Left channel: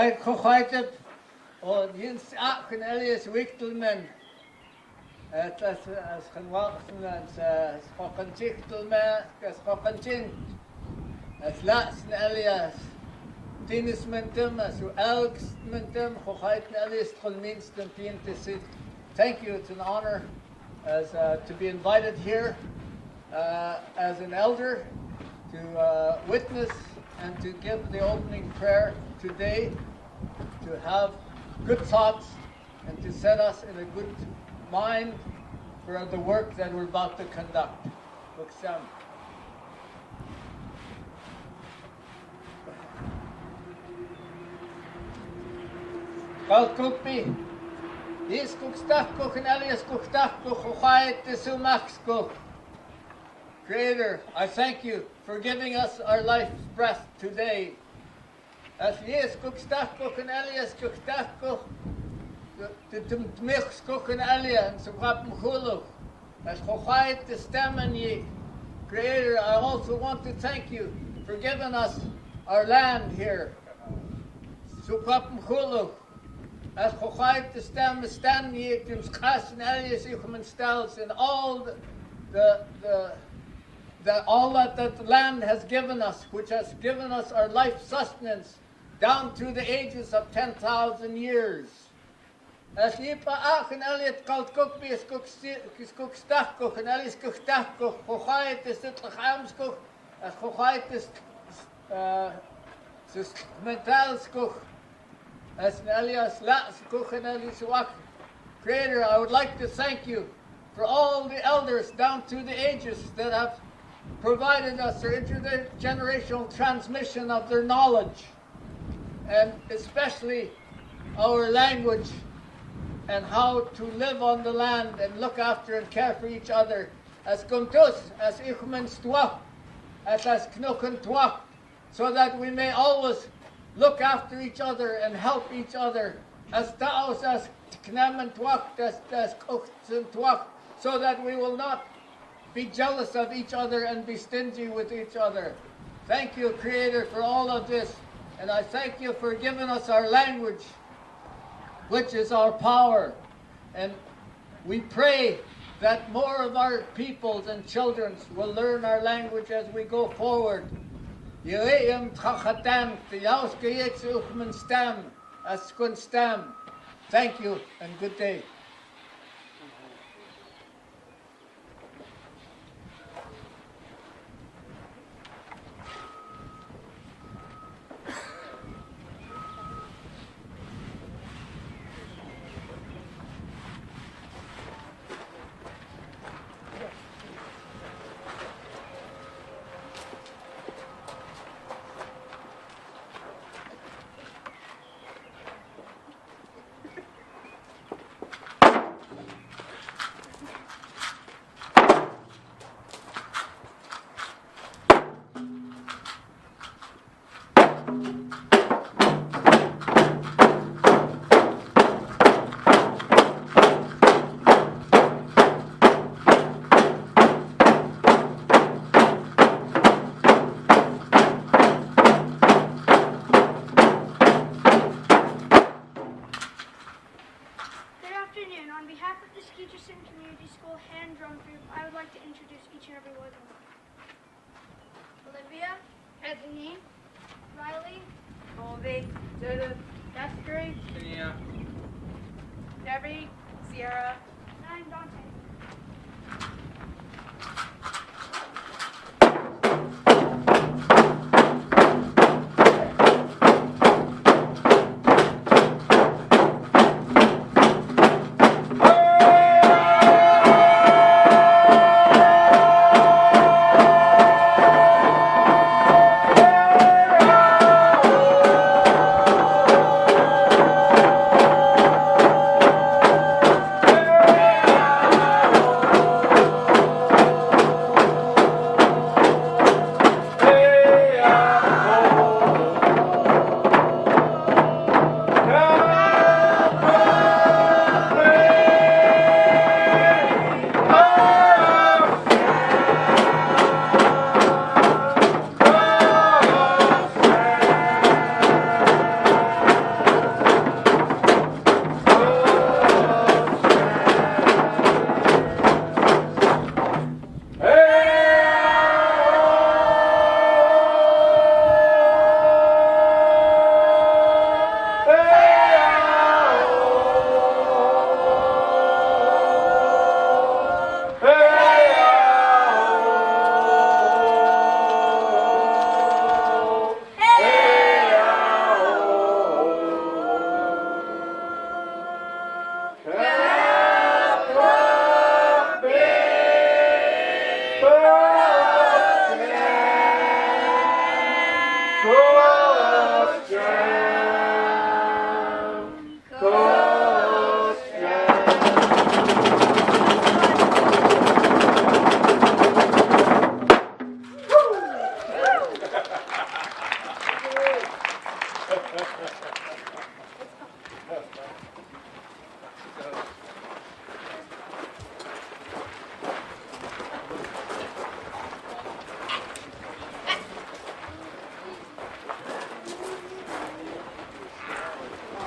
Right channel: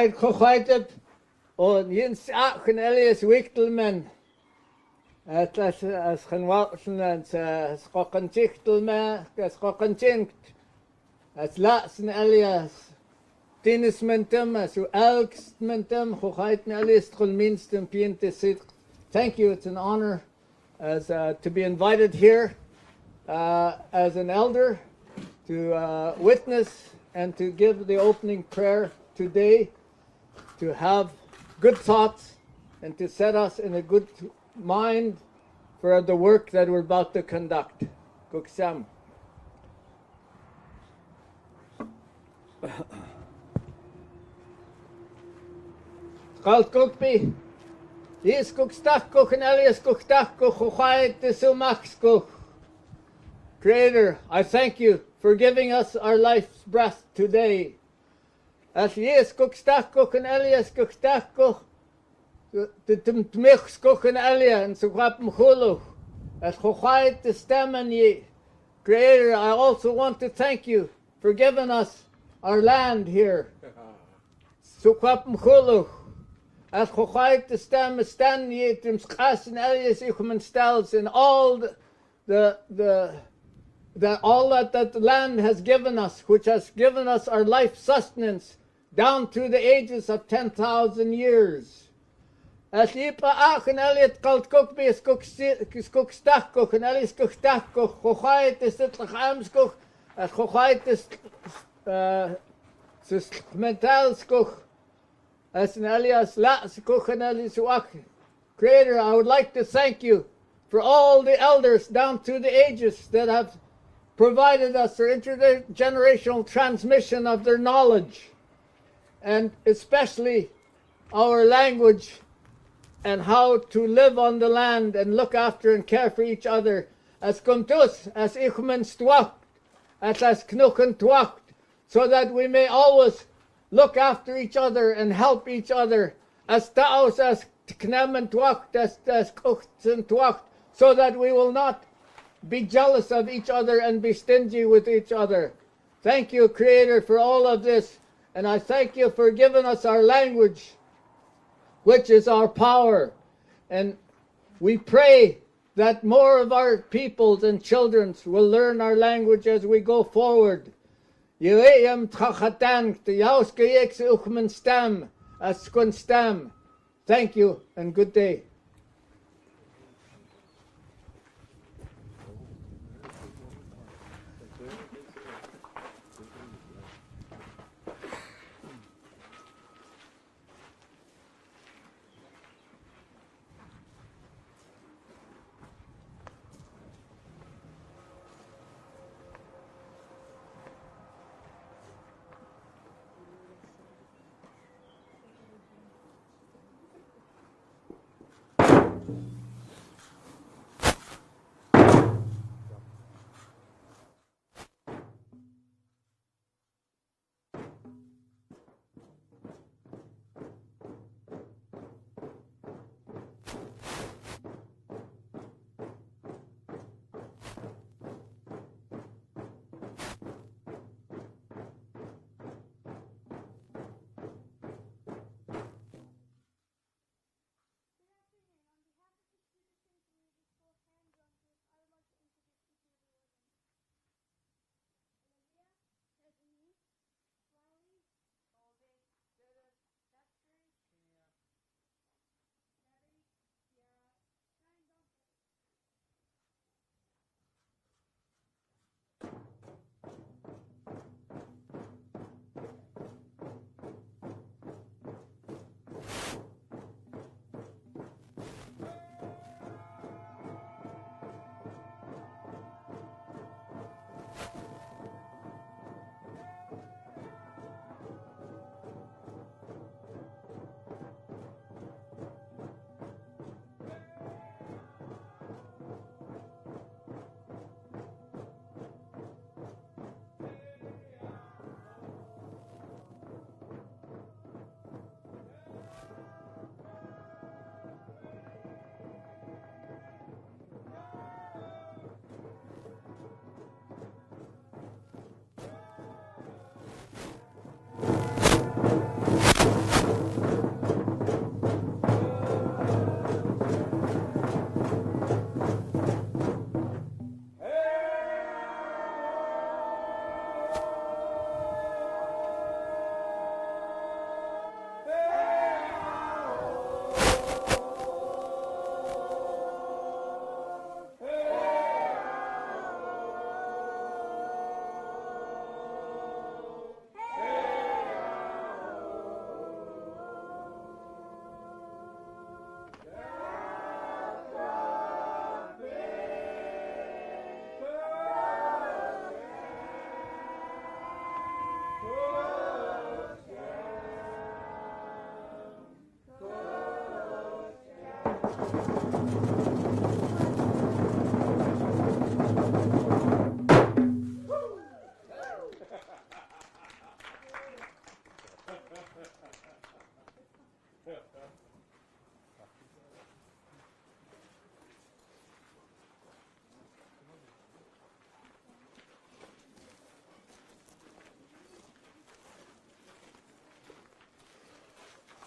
Kwijt gegooid en jens achen Elias Wichtelman. Het is genwassen en schokken Zichtelman, schokken Zint. Het laatste Elias. Tinnis mentem, as elkst mentem, gegooid Elias van minsten piente zit. Thank you, it's an honor as to be invited here as an elder to witness and to give the opening prayer today, to have good thoughts and to set us in a good mind for the work that we're about to conduct. Buksam. Kalkupi, is kukstachko and Elias kuktachko chochait tisumaksko. Creator, I thank you for giving us our life's breath today. As yes kukstachko and Elias kuktachko, the tmixko and Elias and sukwapm chuluch. As chochait testemen ye. Creator, I also want to thank you for giving us our land here. Sukwapm chuluch. As chochait testem stand ye tim schas and Elias ichumen stels in all all that the land has given us, which has given us our life sustenance down through the ages of 10,000 years. As yipa ach and Eliot called kukbi is kukstachkoch and Elias kukstachkoch, chochait is it lachamskoch, as chochait is metalskoch, as an Elias latskoch and Elias wak. Creator, I would like to thank you for all the elders down through the ages that have provided us for intergenerational transmission of their knowledge, and especially our language and how to live on the land and look after and care for each other. As kuntus, as ichmen stwak, as knuchen twak, so that we may always look after each other and help each other. As taos, as knemen twak, as kuchten twak, so that we will not be jealous of each other and be stingy with each other. Thank you, Creator, for all of this. And I thank you for giving us our language, which is our power. And we pray that more of our peoples and children will learn our language as we go forward. Thank you and good day. On behalf of the Skeetchestn Community School Hand Drum Group, I would like to introduce each and every one of them. Olivia, Anthony, Riley, Colby, Judith, Jeffrey, Tania, Debbie, Sierra, and I'm Dante.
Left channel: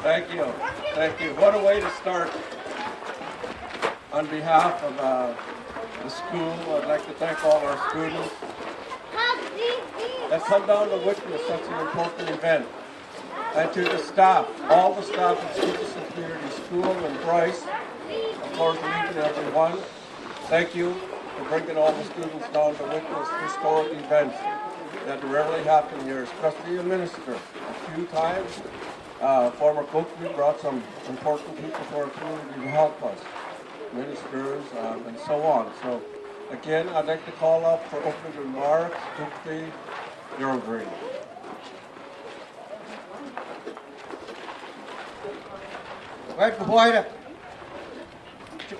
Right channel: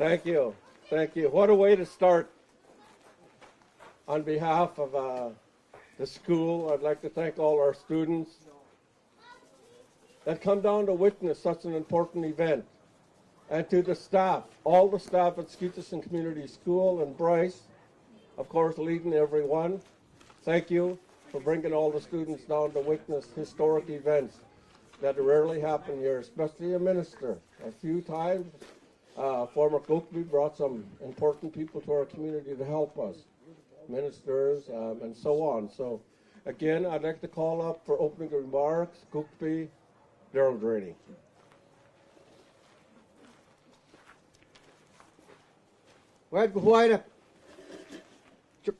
Thank you. Thank you. What a way to start. On behalf of the school, I'd like to thank all our students that come down to witness such an important event. And to the staff, all the staff at Skeetchestn Community School and Bryce, of course, each and every one, thank you for bringing all the students down to witness historic events that rarely happen here, especially a minister. A few times, former coach, we brought some important people to our community to help us, ministers, and so on. So, again, I'd like to call up for opening remarks, Skeetchestn, Darrel Draney. Right before you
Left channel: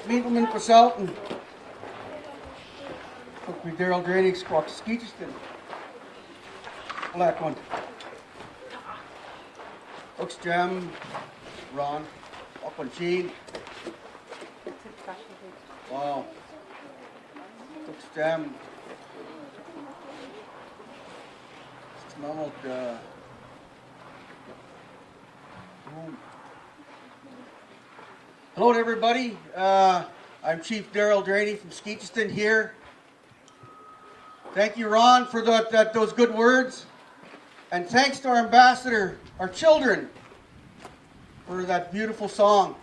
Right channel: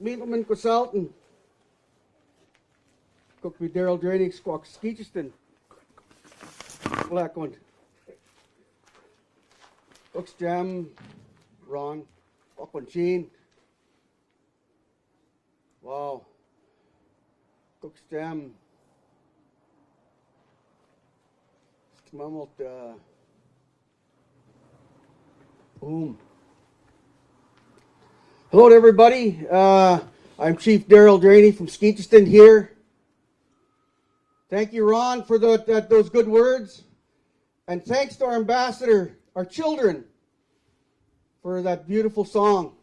meet me for Sultan. Took me Darrel Draney, Skeetchestn. Black one. Looks Jam, Ron, up on G. Wow. Looks Jam. Smelled, boom. Hello to everybody. I'm Chief Darrel Draney from Skeetchestn here. Thank you, Ron, for those good words. And thanks to our ambassador, our children, for that beautiful song.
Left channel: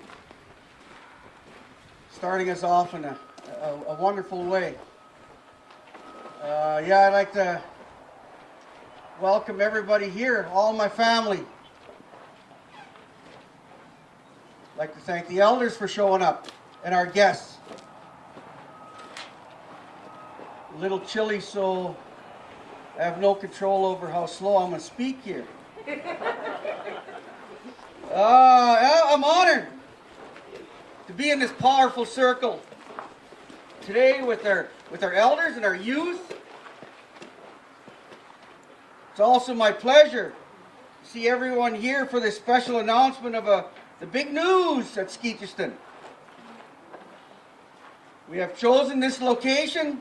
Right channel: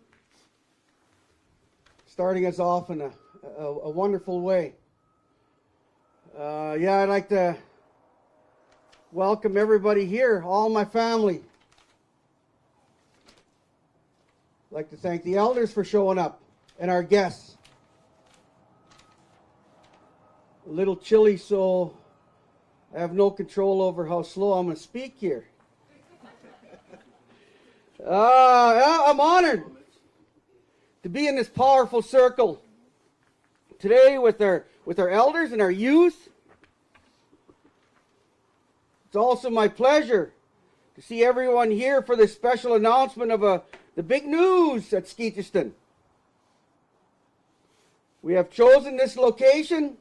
Starting us off in a wonderful way. Yeah, I'd like to welcome everybody here, all my family. I'd like to thank the elders for showing up and our guests. A little chilly, so I have no control over how slow I'm going to speak here. Yeah, I'm honored to be in this powerful circle today with our elders and our youth. It's also my pleasure to see everyone here for this special announcement of the big news at Skeetchestn. We have chosen this location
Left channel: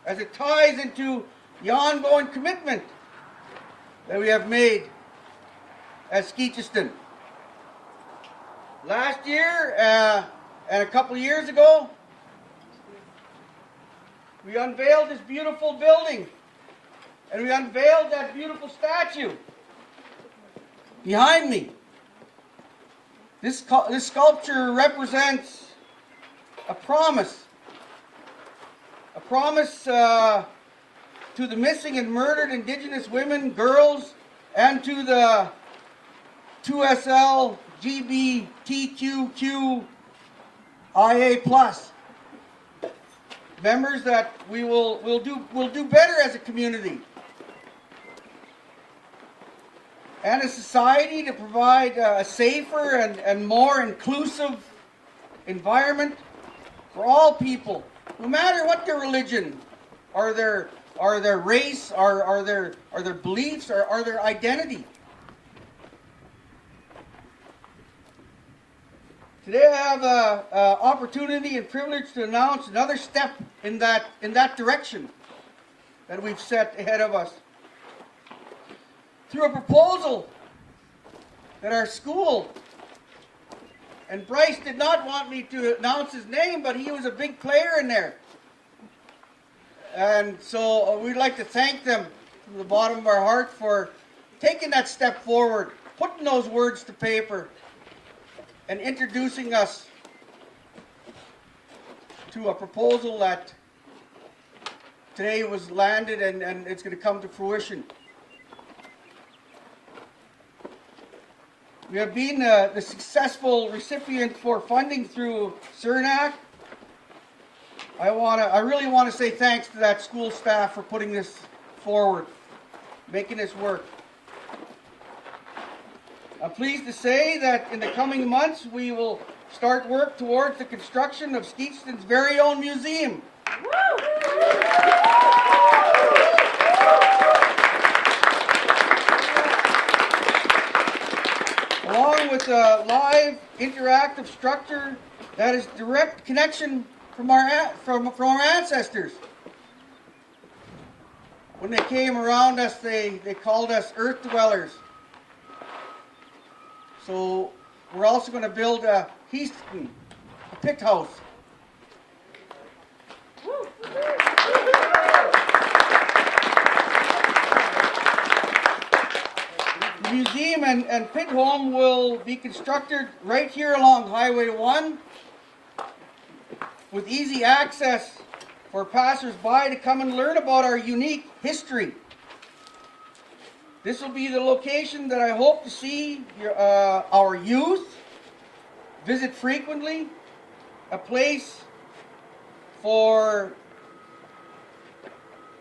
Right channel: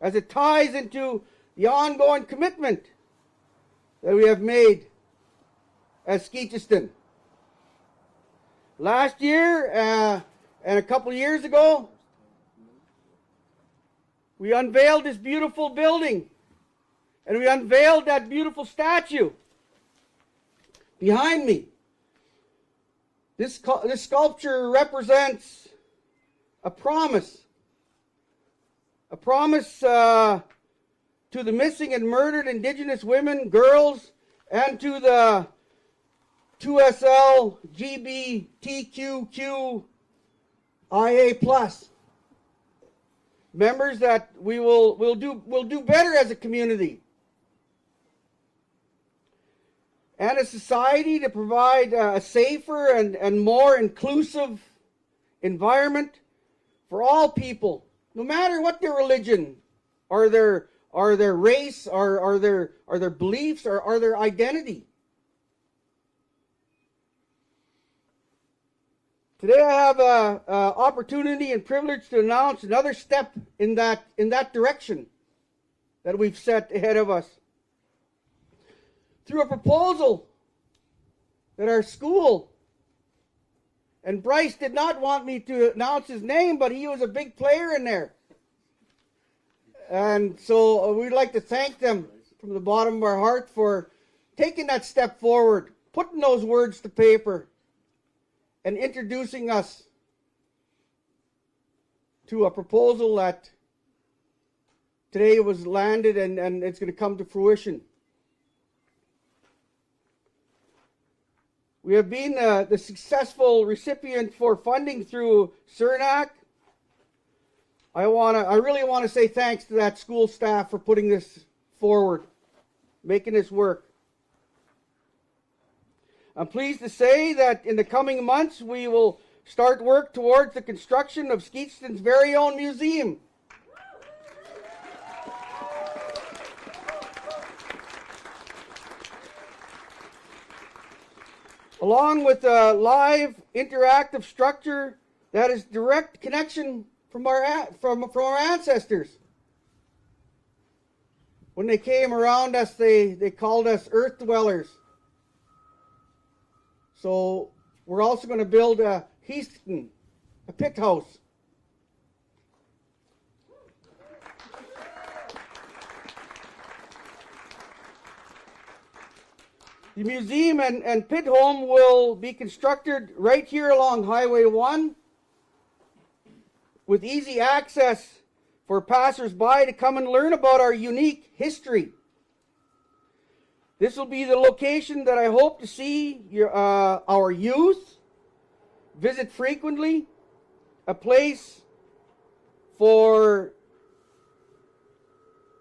as it ties into the ongoing commitment that we have made at Skeetchestn. Last year, and a couple of years ago, we unveiled this beautiful building, and we unveiled that beautiful statue behind me. This sculpture represents a promise to the missing and murdered Indigenous women, girls, and to the 2SL GBTQQIA+ members that we'll do better as a community and a society to provide a safer and more inclusive environment for all people, no matter what their religion, or their race, or their beliefs, or their identity. Today I have an opportunity and privilege to announce another step in that direction that we've set ahead of us. Through a proposal that our school, and Bryce did not want me to announce his name, but he was a big player in there. And so we'd like to thank them from the bottom of our heart for taking that step forward, putting those words to paper, and introducing us to a proposal that today was landed and it's going to come to fruition. We have been the successful recipient for funding through CERNAC. I really want to say thanks to that school staff for putting this forward, making this work. I'm pleased to say that in the coming months we will start work towards the construction of Skeetchestn's very own museum. Along with a live, interactive structure that is direct connection from our ancestors. When they came around us, they called us earth dwellers. So we're also going to build a Skeetchestn, a pit house. The museum and pit home will be constructed right here along Highway 1 with easy access for passers-by to come and learn about our unique history. This will be the location that I hope to see our youth visit frequently, a place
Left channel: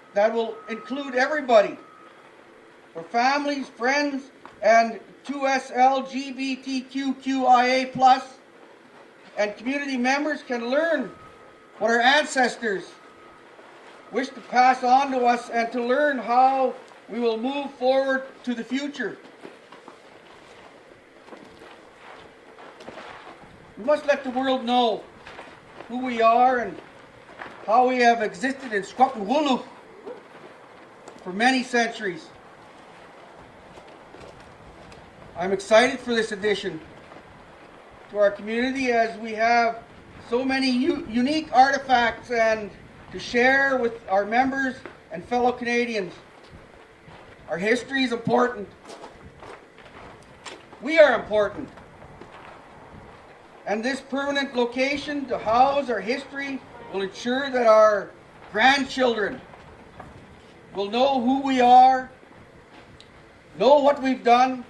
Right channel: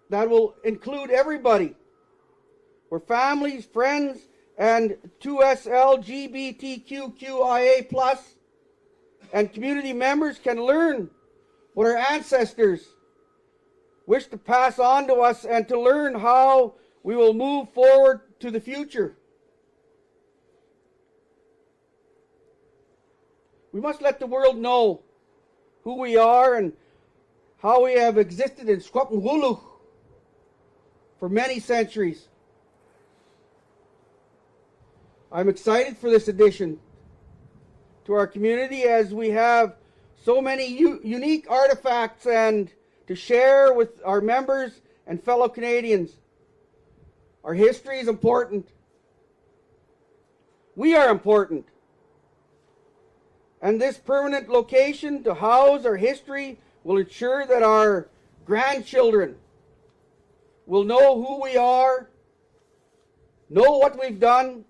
that will include everybody, where families, friends, and 2SLGBTQIA+ and community members can learn what our ancestors wish to pass on to us and to learn how we will move forward to the future. We must let the world know who we are and how we have existed in Skeetchestn for many centuries. I'm excited for this addition to our community as we have so many unique artifacts and to share with our members and fellow Canadians. Our history is important. We are important. And this permanent location to house our history will ensure that our grandchildren will know who we are, know what we've done,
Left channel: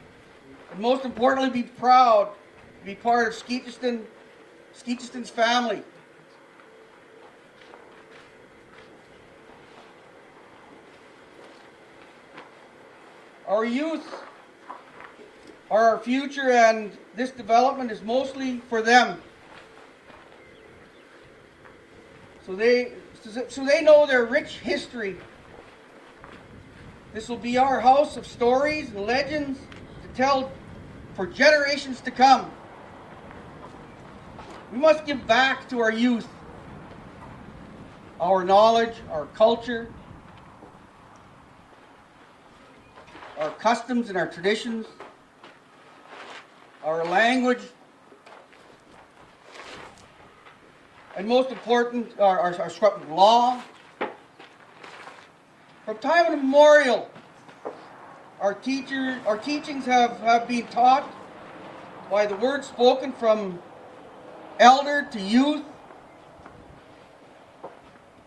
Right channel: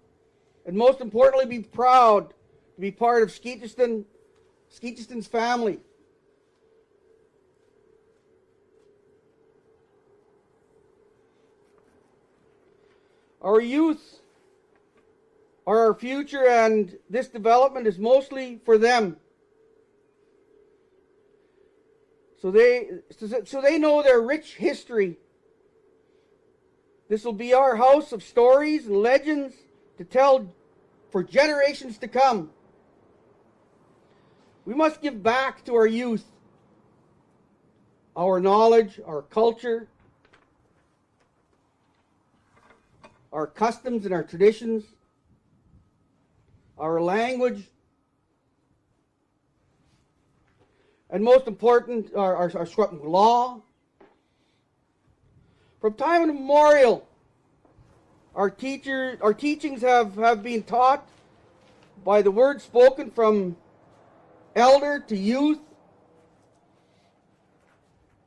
and most importantly be proud to be part of Skeetchestn's family. Our youth are our future, and this development is mostly for them. So they know their rich history. This will be our house of stories and legends to tell for generations to come. We must give back to our youth our knowledge, our culture, our customs and our traditions, our language, and most important, our law. From time immemorial, our teachings have been taught by the words spoken from elder to youth,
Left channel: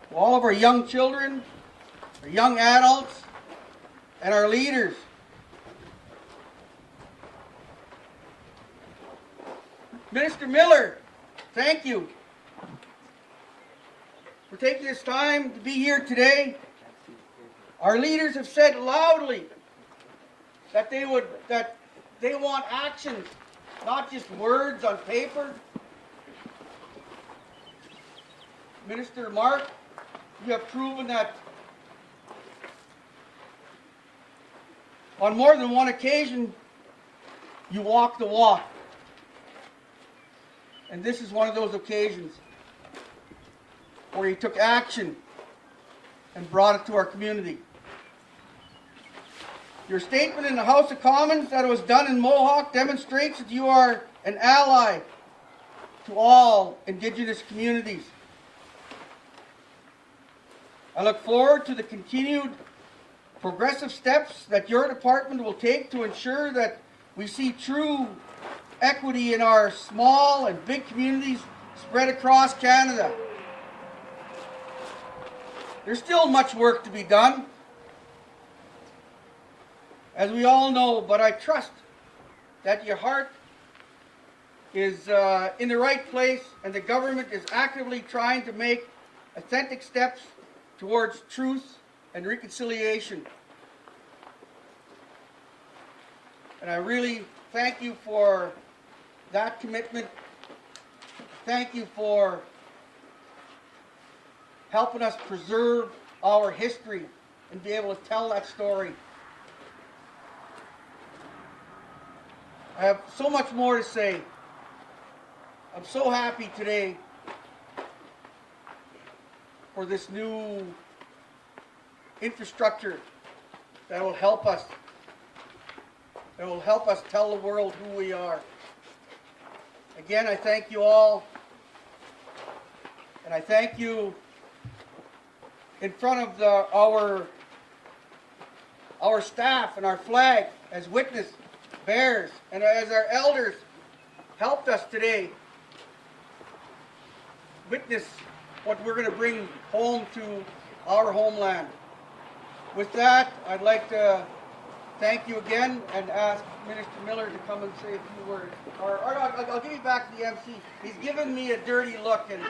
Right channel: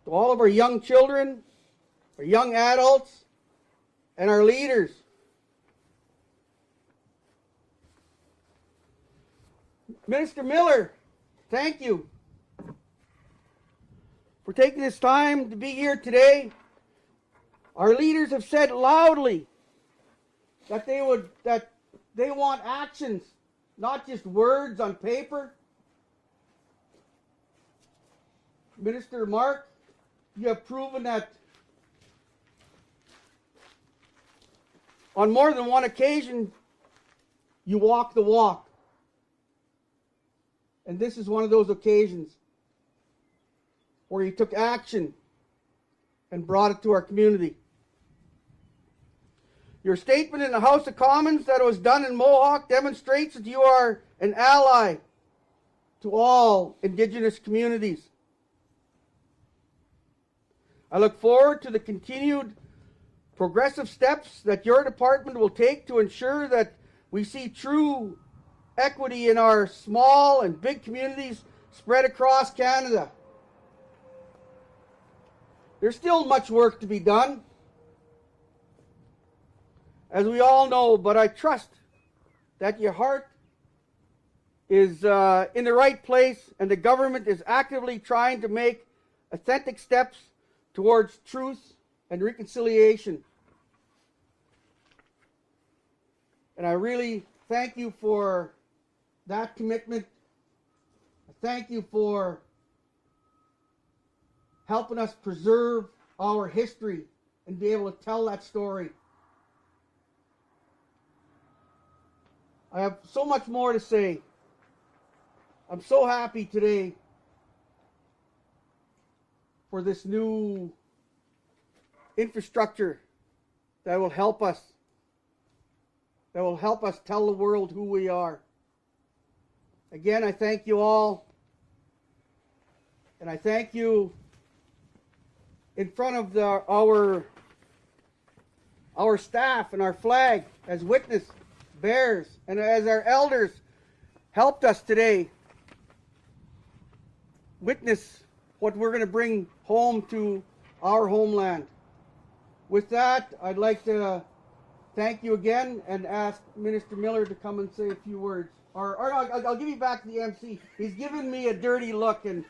to all of our young children, our young adults, and our leaders. Minister Miller, thank you for taking this time to be here today. Our leaders have said loudly that they want action, not just words on paper. Minister Marc, you have proven that on more than one occasion you walk the walk. And this is one of those occasions where you took action and brought it to our community. Your statement in the House of Commons that was done in Mohawk demonstrates that you are an ally to all Indigenous communities. I look forward to the continued progressive steps that your department will take to ensure that we see true equity in our small and big communities spread across Canada. There's still much work to be done, as we all know, but I trust that your heart is in the right place and the government is actively trying to make authentic steps towards truth and reconciliation. And I really thank you for that commitment. Thank you for helping us preserve our history and be able to tell that story. I have so much more to say. I'm so happy today for this new infrastructure that will help us that will help us tell the world who we are. Again, I thank you all, and I thank you in front of our staff and our flag as witness bearers, and as our elders helped us today witness what we're going to bring home to our homeland. With that, I'd like to thank you again and ask Minister Miller to come and say a few words. Or I'll give you back to the MC. He's giving me a dirty look. And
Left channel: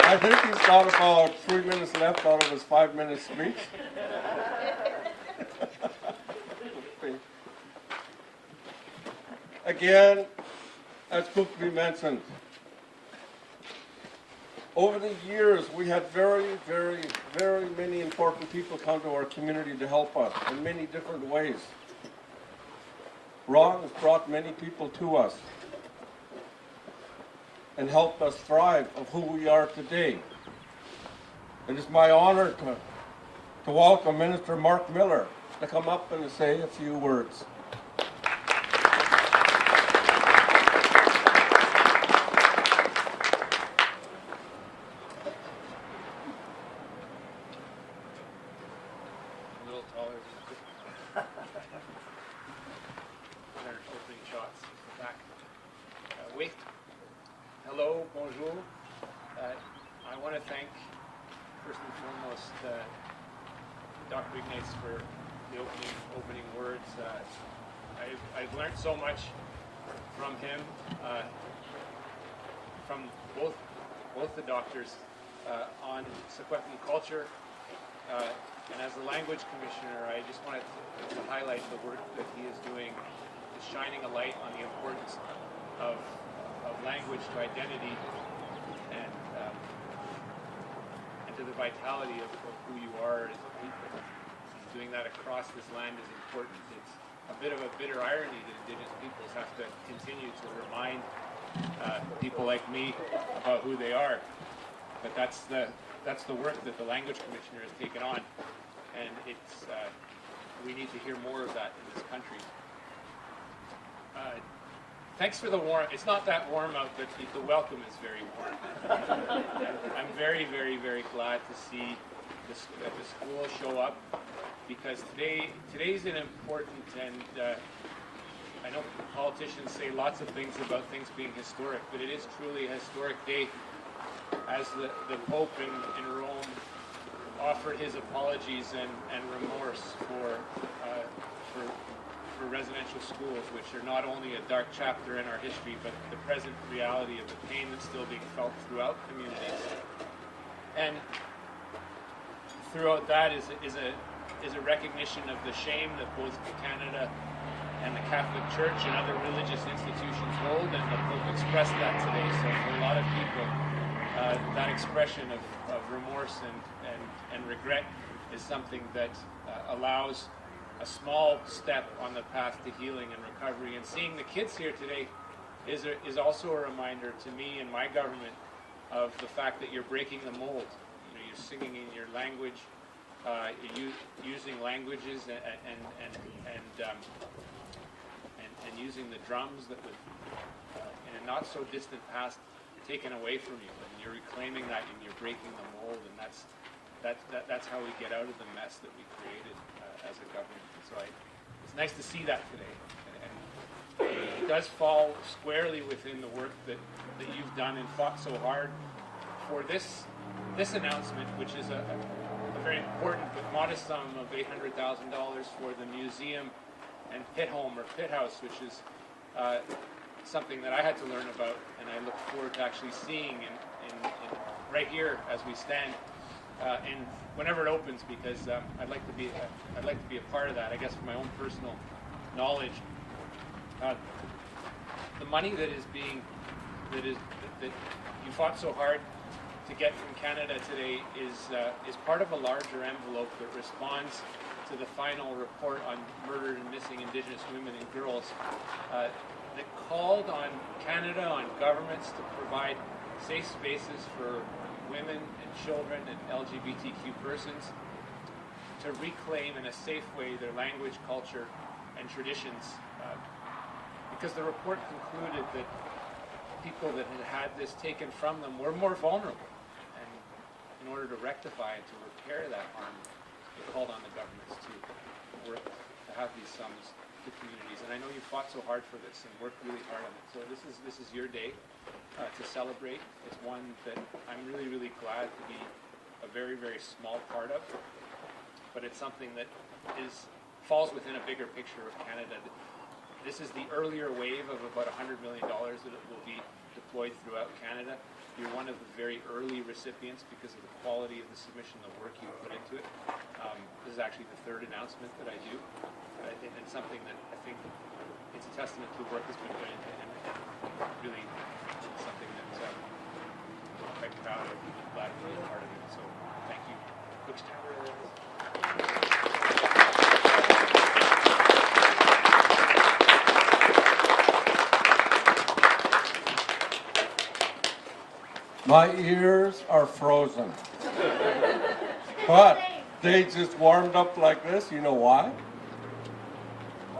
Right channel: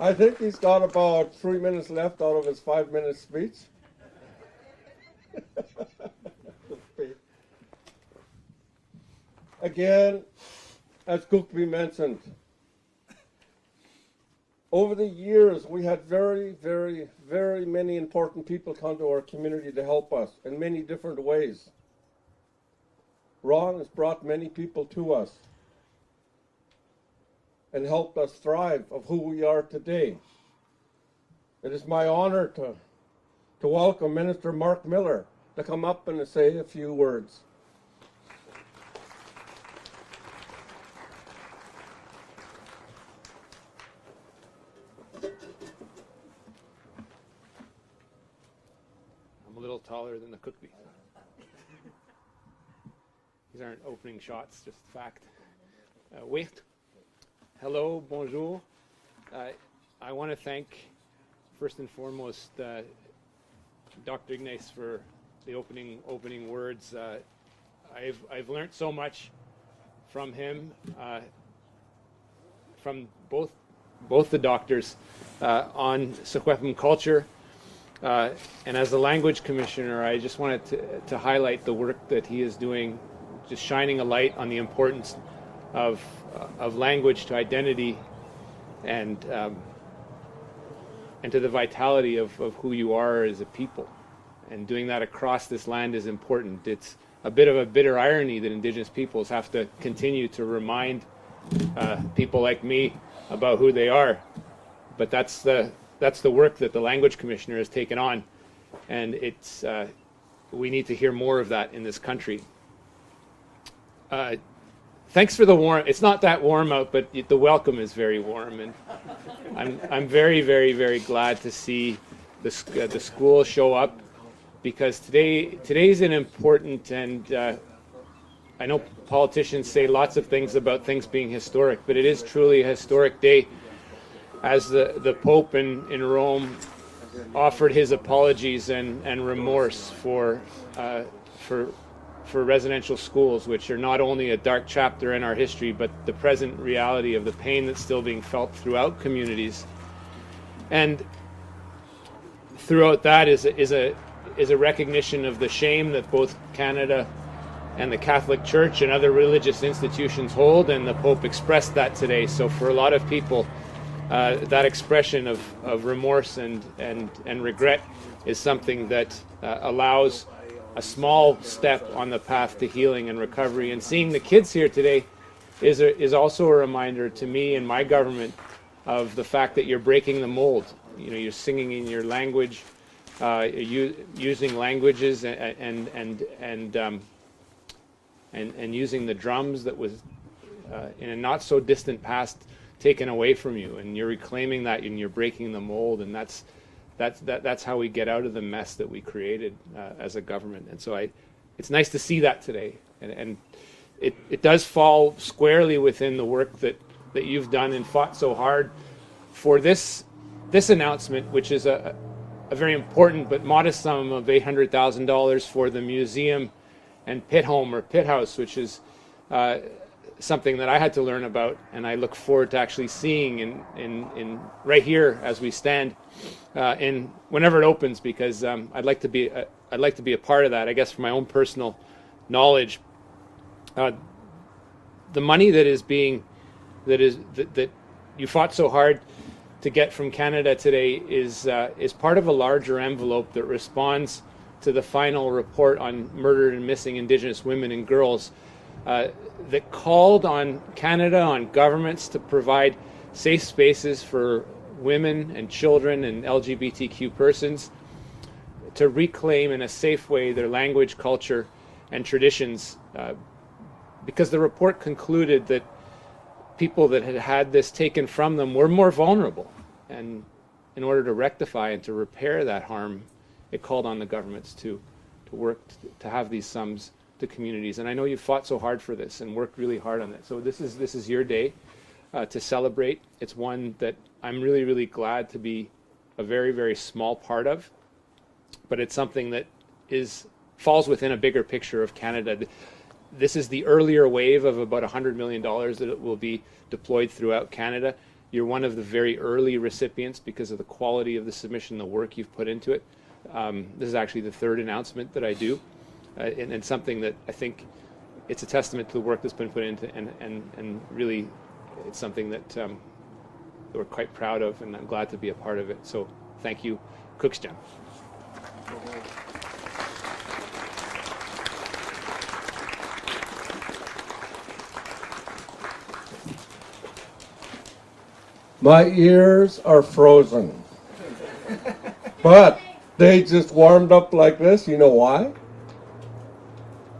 I think he's got about 3 minutes left out of his 5-minute speech. Again, as Kukri mentioned, over the years we had very, very, very many important people come to our community to help us in many different ways. Ron has brought many people to us and helped us thrive of who we are today. It is my honor to welcome Minister Marc Miller to come up and to say a few words. A little taller than the cookie. These aren't opening shots, just fact. Wait. Hello, bonjour. I want to thank, first and foremost, Dr. Ignace for the opening words. I've learned so much from him, from both the doctors on Secwepemc culture, and as the language commissioner, I just wanted to highlight the work that he is doing, just shining a light on the importance of language to identity and to the vitality of who you are as a people. And doing that across this land is important. It's a bit of a bitter irony that Indigenous peoples have to continue to remind people like me about who they are. But that's the work that the language commissioner has taken on, and it's we need to hear more of that in this country. Thanks for the warm. It's not that warm out, but the welcome is very warm, and I'm very, very, very glad to see the school show up, because today's an important, and I know politicians say lots of things about things being historic, but it is truly a historic day, as the Pope in Rome offered his apologies and remorse for residential schools, which are not only a dark chapter in our history, but the present reality of the pain that's still being felt throughout communities. And throughout that is a recognition of the shame that both Canada and the Catholic Church and other religious institutions hold, and the Pope expressed that today. So for a lot of people, that expression of remorse and regret is something that allows a small step on the path to healing and recovery. And seeing the kids here today is also a reminder to me and my government of the fact that you're breaking the mold. You know, you're singing in your language, using languages and using the drums that was in a not so distant past taken away from you, and you're reclaiming that, and you're breaking the mold, and that's how we get out of the mess that we created as a government. And so it's nice to see that today, and it does fall squarely within the work that you've done and fought so hard for this announcement, which is a very important but modest sum of $800,000 for the museum and pit home or pit house, which is something that I had to learn about, and I look forward to actually seeing in right here as we stand in whenever it opens, because I'd like to be a part of that. I guess for my own personal knowledge, the money that you fought so hard to get from Canada today is part of a larger envelope that responds to the final report on murdered and missing Indigenous women and girls, that called on Canada, on governments, to provide safe spaces for women and children and LGBTQ persons to reclaim in a safe way their language, culture, and traditions, because the report concluded that people that had had this taken from them were more vulnerable. And in order to rectify and to repair that harm, it called on the governments to work to have these sums to communities. And I know you fought so hard for this and worked really hard on it. So this is your day to celebrate. It's one that I'm really, really glad to be a very, very small part of. But it's something that falls within a bigger picture of Canada. This is the earlier wave of about $100 million that it will be deployed throughout Canada. You're one of the very early recipients because of the quality of the submission, the work you've put into it. This is actually the third announcement that I do, and something that I think it's a testament to the work that's been put into, and really it's something that we're quite proud of, and I'm glad to be a part of it. So thank you, Skeetchestn. My ears are frozen. But they just warmed up like this. You know why?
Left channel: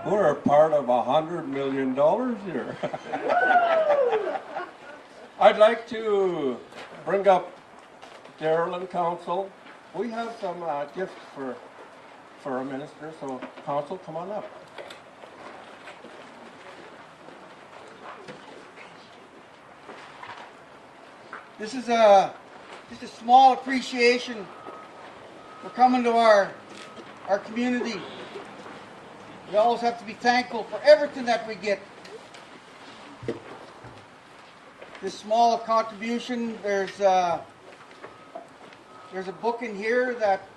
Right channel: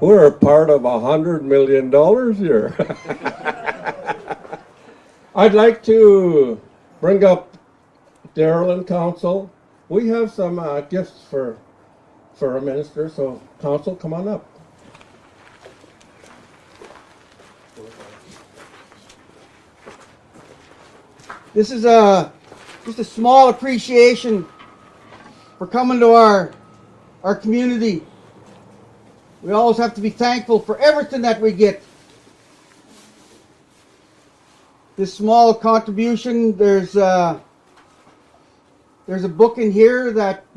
We're a part of $100 million here. I'd like to bring up Darrel and Council. We have some gifts for our minister, so Council, come on up. This is just a small appreciation for coming to our community. We always have to be thankful for everything that we get. This small contribution, there's a book in here that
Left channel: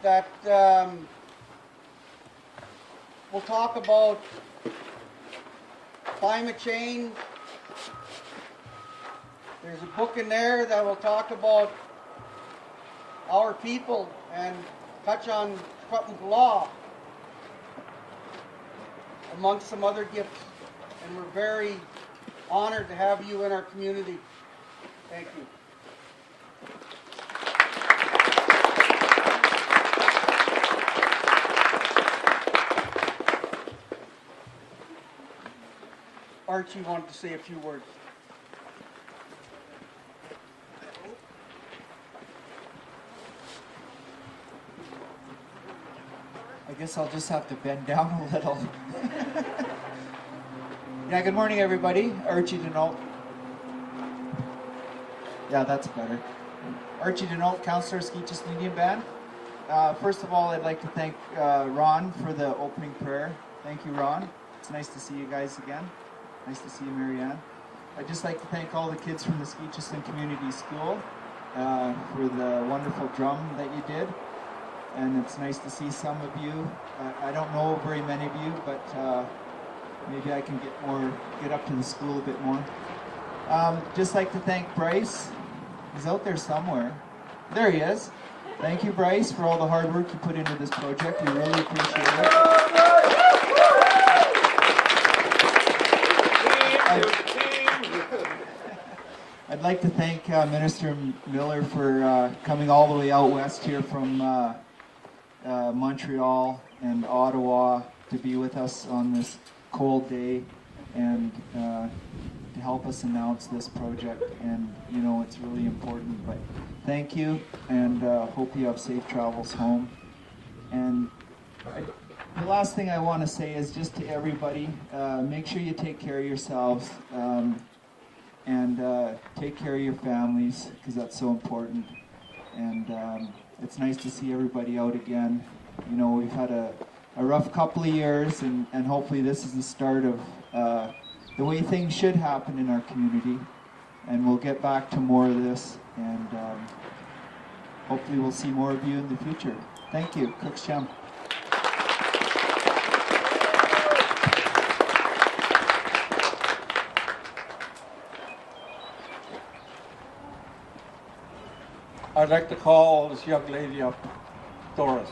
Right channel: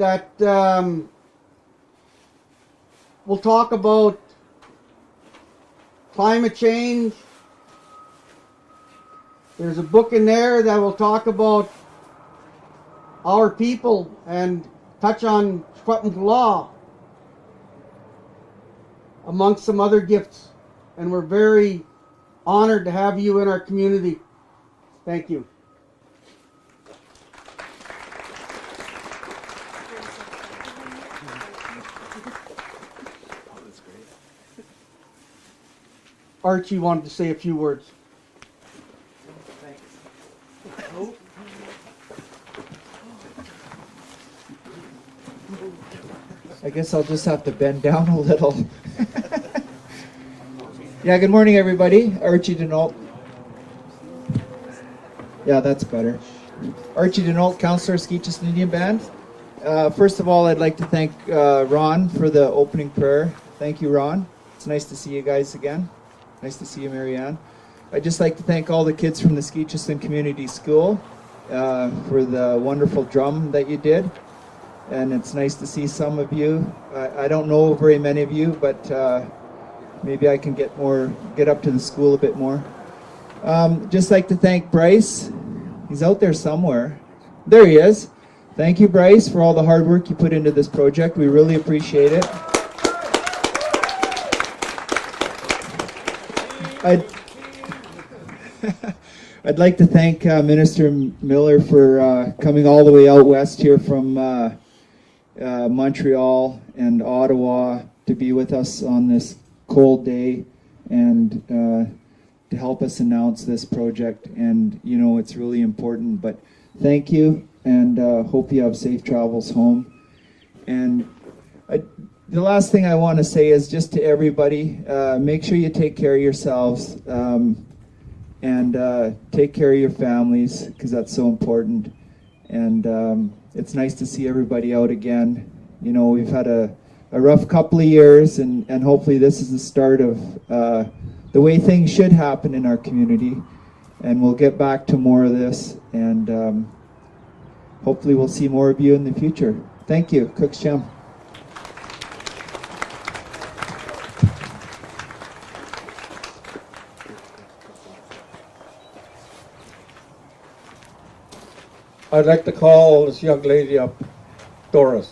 will talk about climate change. There's a book in there that will talk about our people and touch on Skeetchestn law, amongst some other gifts. And we're very honored to have you in our community. Thank you. Archie wanted to say a few words. I guess I'll just have to bend down a little. Yeah, good morning, everybody. Archie Denault. Yeah, that's better. Archie Denault, Councillor, Skeetchestn Indian Band. First of all, I'd like to thank Ron for the opening prayer. Thank you, Ron. It's nice to see you guys again. Nice to see you, Marianne. I'd just like to thank all the kids from the Skeetchestn Community School for the wonderful drum that you did. And it's nice to see some of you. I don't know very many of you, but maybe I can get up to the school a bit more. Just like to thank Bryce. He's out there somewhere. There he is. Thank you, Bryce, for all the hard work you put into this project. We really appreciate it. I'd like to thank Minister Miller for coming all the way out west here from Montreal and Ottawa to be with us on this cold day and to help us announce this project. And you know, it's really important, but thank you, and hope you have safe travels home. And the last thing I want to say is just to everybody, make sure you take care of yourselves and take care of your families, because that's so important. And it's nice to see everybody out again. You know, we've had a rough couple of years, and hopefully this is the start of the way things should happen in our community. And we'll get back to more of this, and hopefully we'll see more of you in the future. Thank you. Skeetchestn. I'd like to call this young lady up, Doris.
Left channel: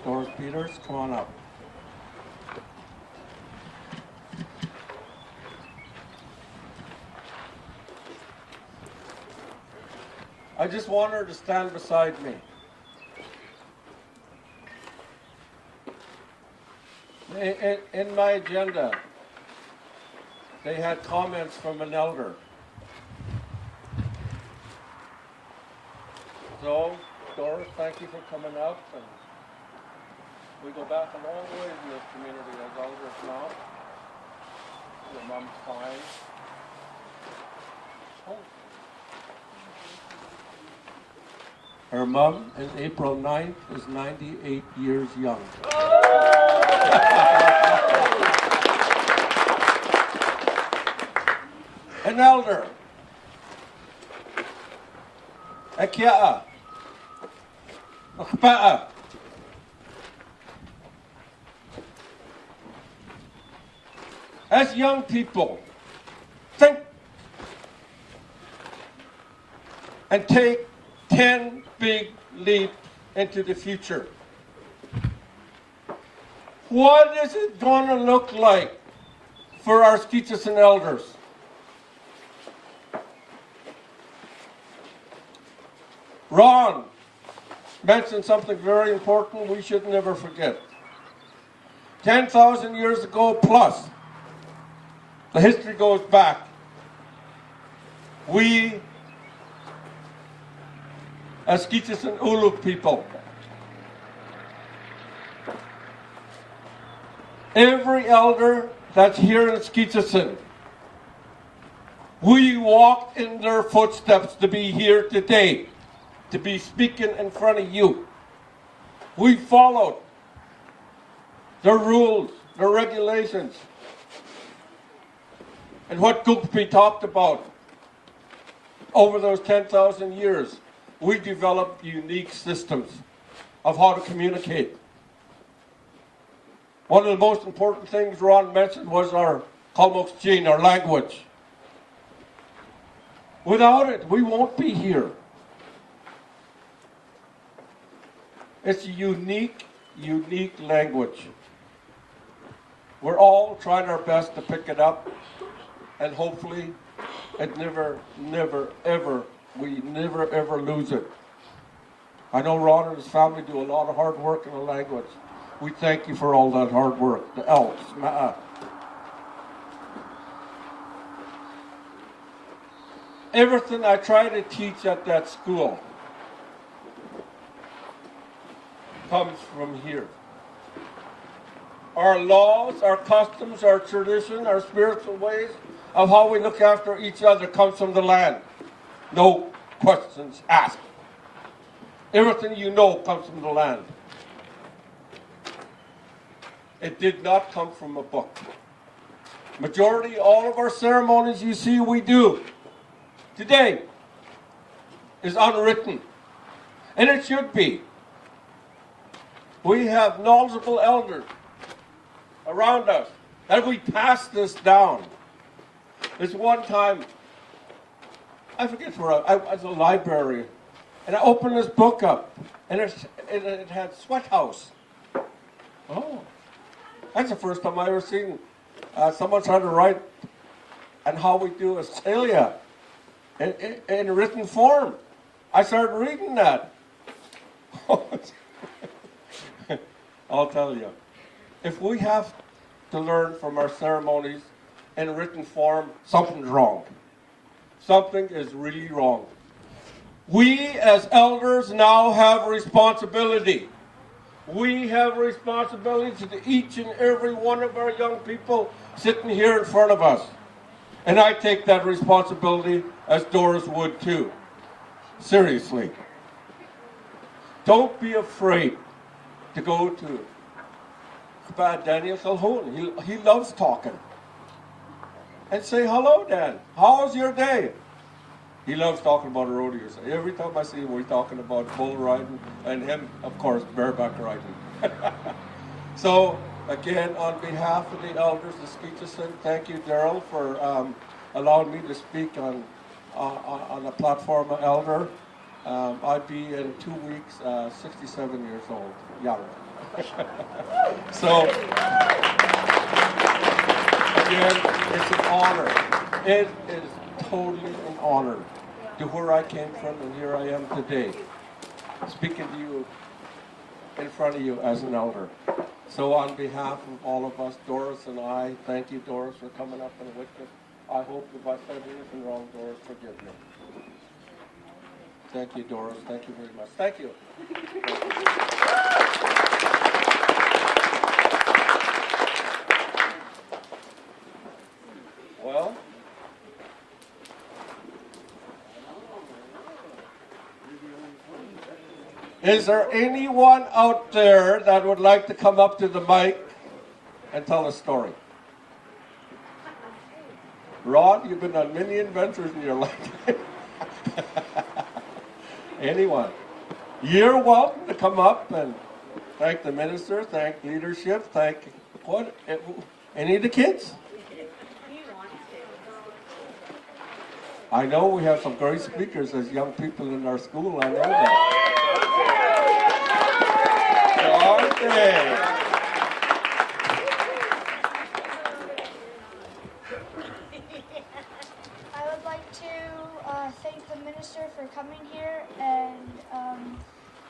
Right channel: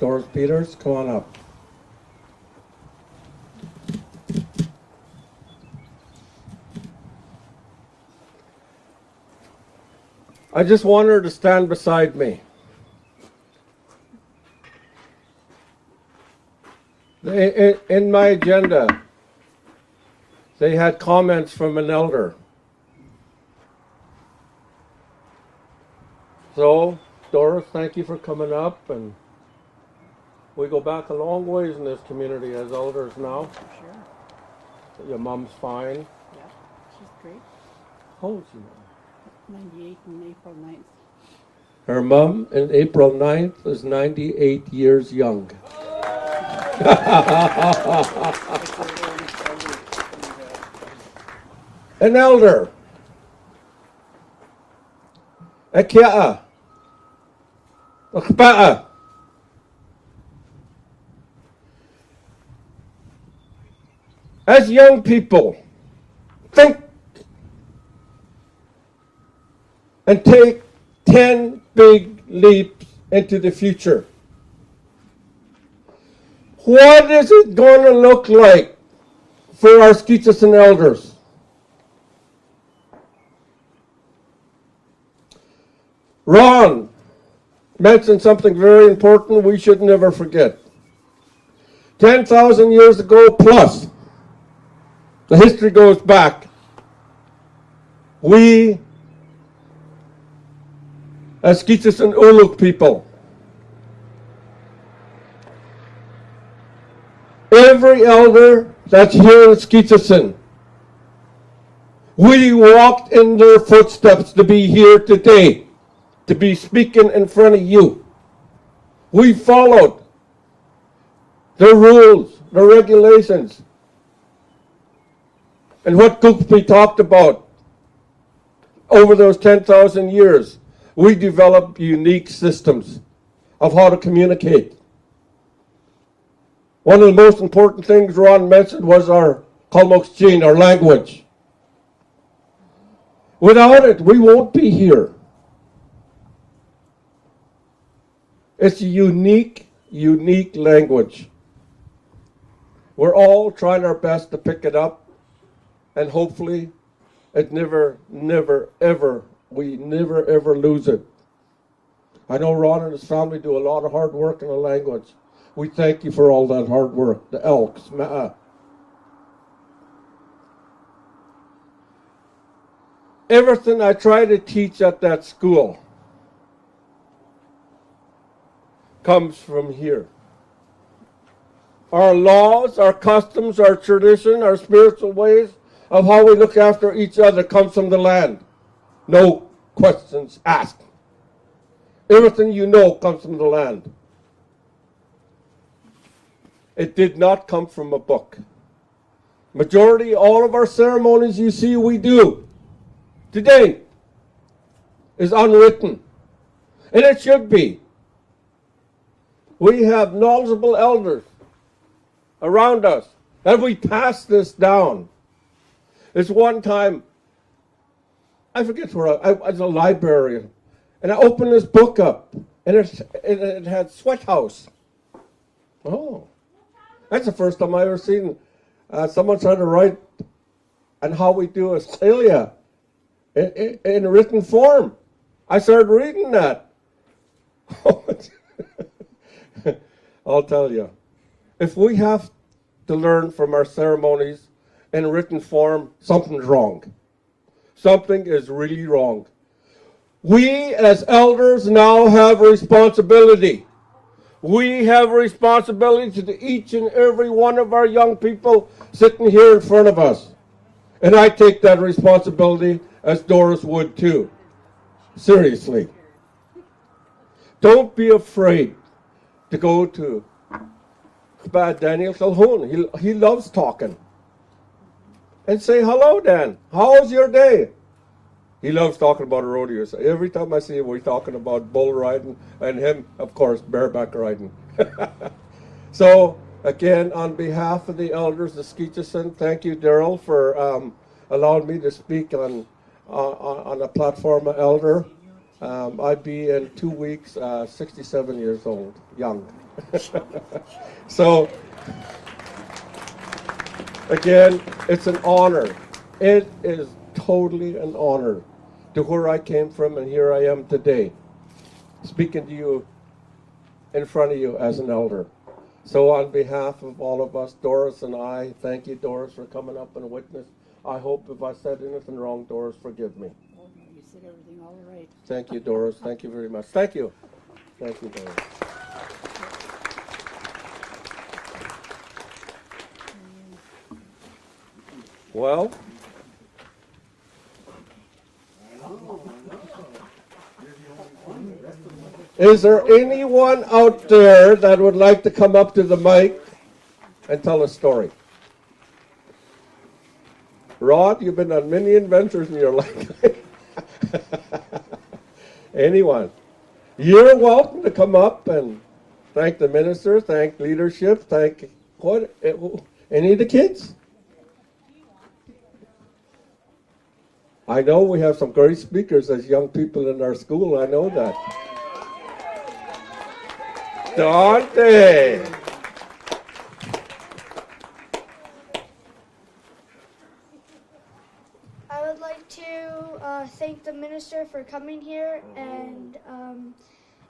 Doris Peters, come on up. I just want her to stand beside me. In my agenda, they had comments from an elder. So, Doris, thank you for coming up, and we go back a long ways in this community as elders now. Sure. Your mom's fine. How old is she? Her mom, in April 9th, is 98 years young. An elder. A kia. A kpa'a. As young people, think and take 10 big leaps into the future. What is it going to look like for our Skeetchestn elders? Ron mentioned something very important we should never forget. 10,000 years ago plus, the history goes back, we as Skeetchestn Uluk people, every elder that's here in Skeetchestn, we walked in their footsteps to be here today, to be speaking in front of you. We followed the rules, the regulations, and what Kukpi talked about over those 10,000 years. We developed unique systems of how to communicate. One of the most important things Ron mentioned was our Kalmukchin, our language. Without it, we won't be here. It's a unique language. We're all trying our best to pick it up, and hopefully it we never ever lose it. I know Ron and his family do a lot of hard work in the language. We thank you for all that hard work, the elks, ma'a. Everything I try to teach at that school comes from here. Our laws, our customs, our tradition, our spiritual ways of how we look after each other comes from the land. No questions asked. Everything you know comes from the land. It did not come from a book. Majority, all of our ceremonies you see we do today is unwritten. And it should be. We have knowledgeable elders around us that we pass this down. There's one time, I forget where I was a librarian, and I opened this book up, and it had Sweat House. Oh, that's the first time I ever seen someone trying to write and how we do a celia in written form. I started reading that. I'll tell you, if we have to learn from our ceremonies in written form, something's wrong. Something is really wrong. We as elders now have a responsibility. We have a responsibility to each and every one of our young people sitting here in front of us. And I take that responsibility as Doris would too. Seriously. Don't be afraid to go to Daniel Calhoun. He loves talking. And say, hello, Dan. How's your day? He loves talking about rodeos. Every time I see him, we're talking about bull riding, and him, of course, bareback riding. So, again, on behalf of the elders of Skeetchestn, thank you, Darrel, for allowing me to speak on a platform of elder. I'd be in 2 weeks 67 years old, young. So, again, it's an honor. It is totally an honor to where I came from, and here I am today, speaking to you in front of you as an elder. So on behalf of all of us, Doris and I, thank you, Doris, for coming up and witness. I hope if I said anything wrong, Doris, forgive me. Thank you, Doris. Thank you very much. Thank you. Thank you. Well, is there anyone out there that would like to come up to the mic and tell a story? Rod, you've been on many adventures in your life. Anyone? You're welcome to come up and thank the minister, thank leadership, thank what? Any of the kids? I know we have some great speakers as young people in our school. I know that. John Day. I would like to thank the minister for coming here, and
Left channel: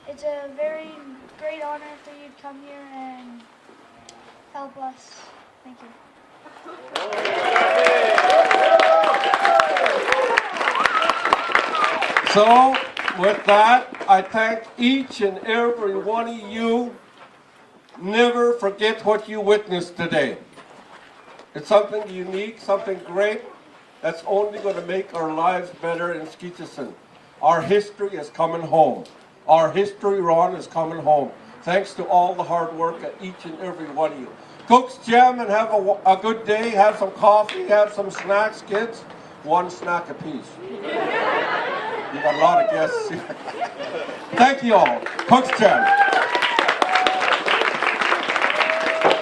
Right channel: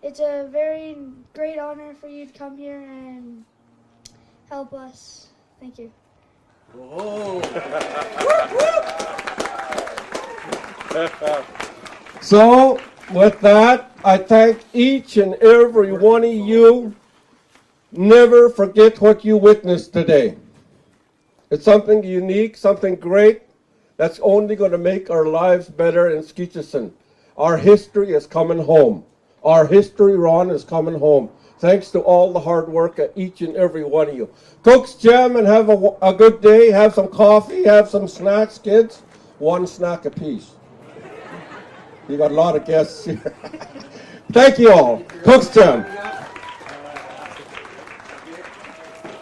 it's a very great honor for you to come here and help us. Thank you. So, with that, I thank each and every one of you. Never forget what you witnessed today. It's something unique, something great, that's only going to make our lives better in Skeetchestn. Our history is coming home. Our history, Ron, is coming home. Thanks to all the hard work of each and every one of you. Folks, jam and have a good day. Have some coffee, have some snacks, kids. One snack apiece. You got a lot of guests. Thank you all. Folks, jam.